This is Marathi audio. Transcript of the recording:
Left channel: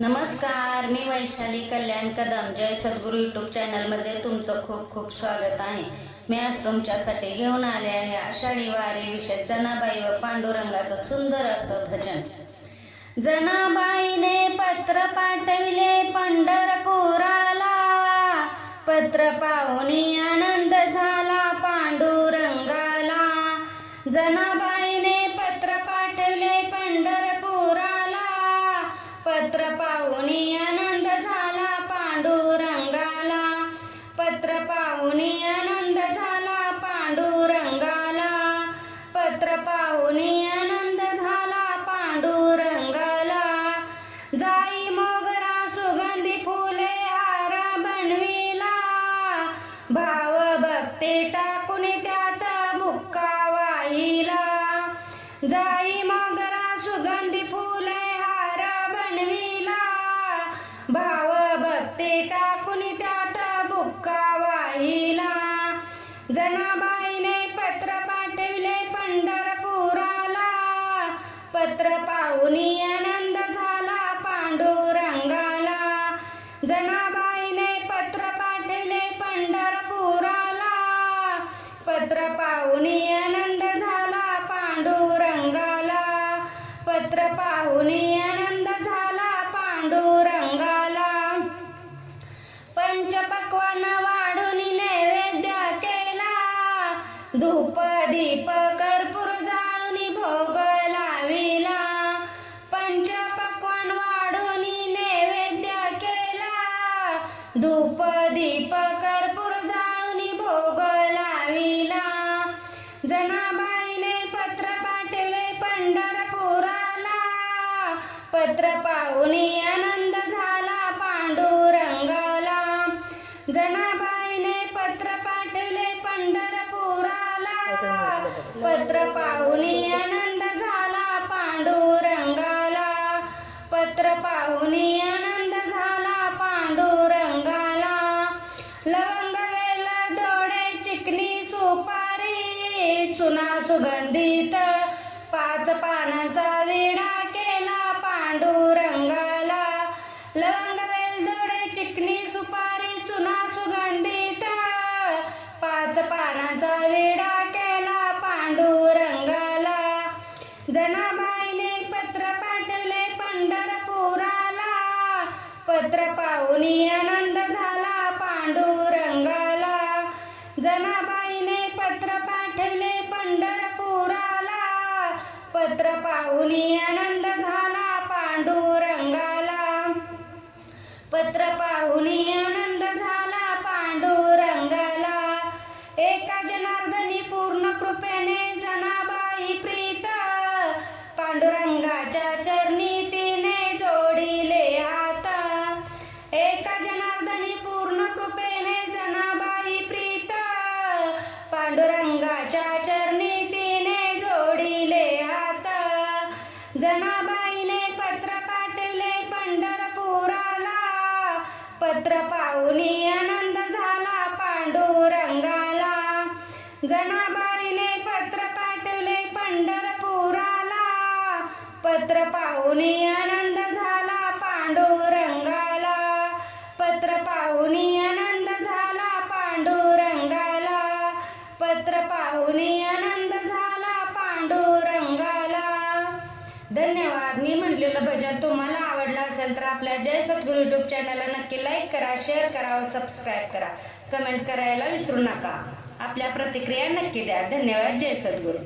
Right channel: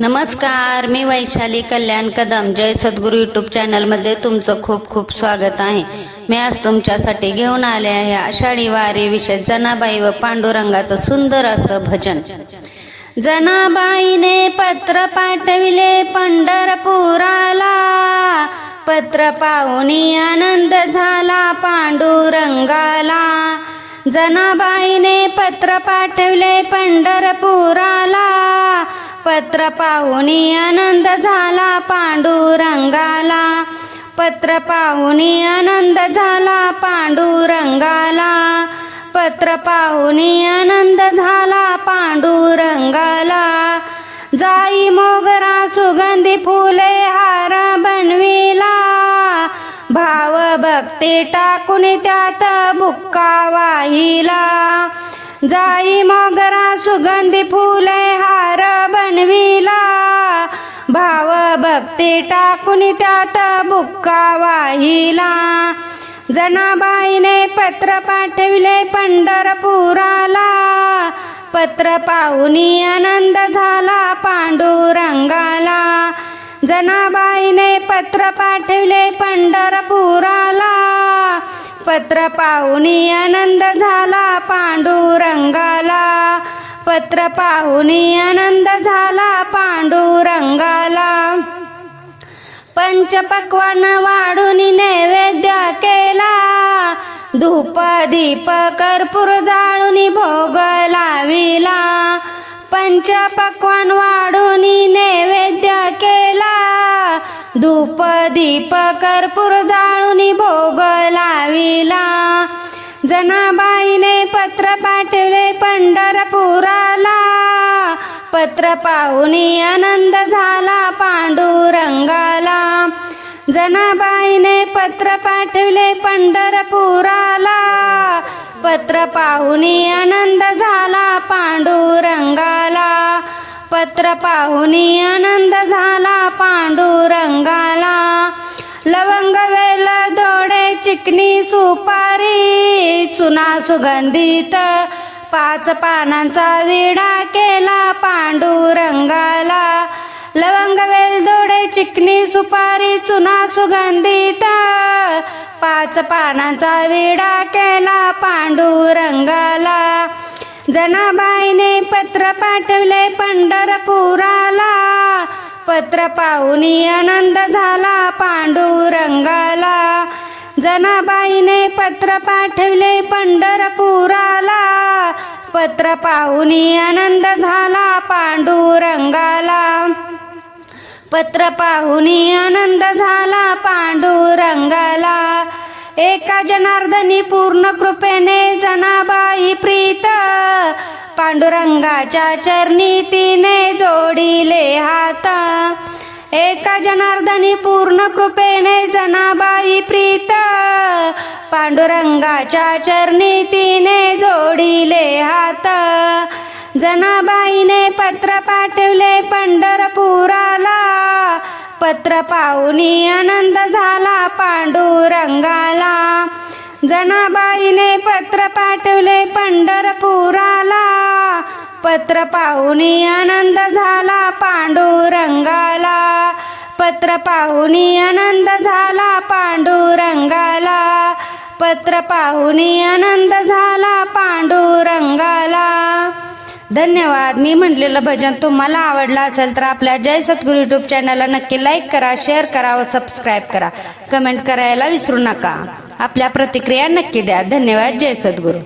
नमस्कार, मी वैशाली कल्याण कदम. जय सद्गुरू यूट्यूब चॅनलमध्ये तुमचं खूप खूप स्वागत आहे. मी आज तुमच्यासाठी घेऊन आले आहे आषाढी वारी विषय जनाबाई व पांडुरंगाचं सुंदर असं भजन. जनाबाईने पत्र पाठविले पंढरपुराला, पत्र पाहुनी आनंद झाला पांडुरंगाला. जनाबाईने पत्र पाठविले पंढरपुराला, पत्र पाहुनी आनंद झाला पांडुरंगाला. पत्र पाहुनी आनंद झाला पांडुरंगाला. पत्र पाहुनी आनंद झाला पांडुरंगाला. जाई मोगरा सुगंधी फुले हार बनविला, भाव भक्ती टाकून त्यात बुक्का वाहिला. जाई मोगरा सुगंधी फुले हार बनविला, भाव भक्ती टाकून त्यात बुक्का वाहिला. जनाबाईने पत्र पाठविले पंढरपुराला, पत्र पाहुनी आनंद झाला पांडुरंगाला. जनाबाईने पत्र पाठविले पंढरपुराला, पत्र पाहुनी आनंद झाला पांडुरंगाला. पत्र पाहुनी आनंद झाला पांडुरंगाला. पंचपक्वान वाढून नैवेद्य केला, धूप दीप कर्पूर जाळून भोग लाविला. पंचपक्वान वाढून नैवेद्य केला, धूप दीप कर्पूर जाळून भोग लाविला. जनाबाईने पत्र पाठविले पंढरपुराला, पत्र पाहुनी आनंद झाला पांडुरंगाला. जनाबाईने पत्र पाठविले पंढरपुराला, पत्र पाहुनी आनंद झाला पांडुरंगाला. पत्र पाहुनी आनंद झाला पांडुरंगाला. लवंग वेल दोडे चिकनी सुपारी, चुना सुगंधित 5 पानांचा विडा केला पांडुरंगाला. लवंग वेल दोडे चिकनी सुपारी चुना सुगंधित 5 पानांचा विडा केला पांडुरंगाला. जनाबाईने पत्र पाठविले पंढरपुराला, पत्र पाहुनी आनंद झाला पांडुरंगाला. जनाबाईने पत्र पाठविले पंढरपुराला, पत्र पाहुनी आनंद झाला पांडुरंगाला. पत्र पाहुनी आनंद झाला पांडुरंगाला. एका जनार्दनी पूर्ण कृपेने जनाबाई प्रीत, पांडुरंगाच्या चरणी तिने जोडिले हात. एका जनार्दनी पूर्ण कृपेने जनाबाई प्रीत, पांडुरंगाच्या चरणी तिने जोडिले हात. जनाबाईने पत्र पाठविले पंढरपुराला, पत्र पाहुनी आनंद झाला पांडुरंगाला. जनाबाईने पत्र पाठविले पंढरपुराला, पत्र पाहुनी आनंद झाला पांडुरंगाला. पत्र पाहुनी आनंद झाला पांडुरंगाला. पत्र पाहुनी आनंद झाला पांडुरंगाला. धन्यवाद. मी म्हटलेलं भजन तुम्हाला आवडलं असेल तर आपल्या जय सद्गुरू यूट्यूब चॅनलला नक्की लाईक करा, शेअर करा व सबस्क्राईब करा. कमेंट करायला विसरू नका. आपल्या प्रतिक्रिया नक्की द्या. धन्यवाद. जय सद्गुरू.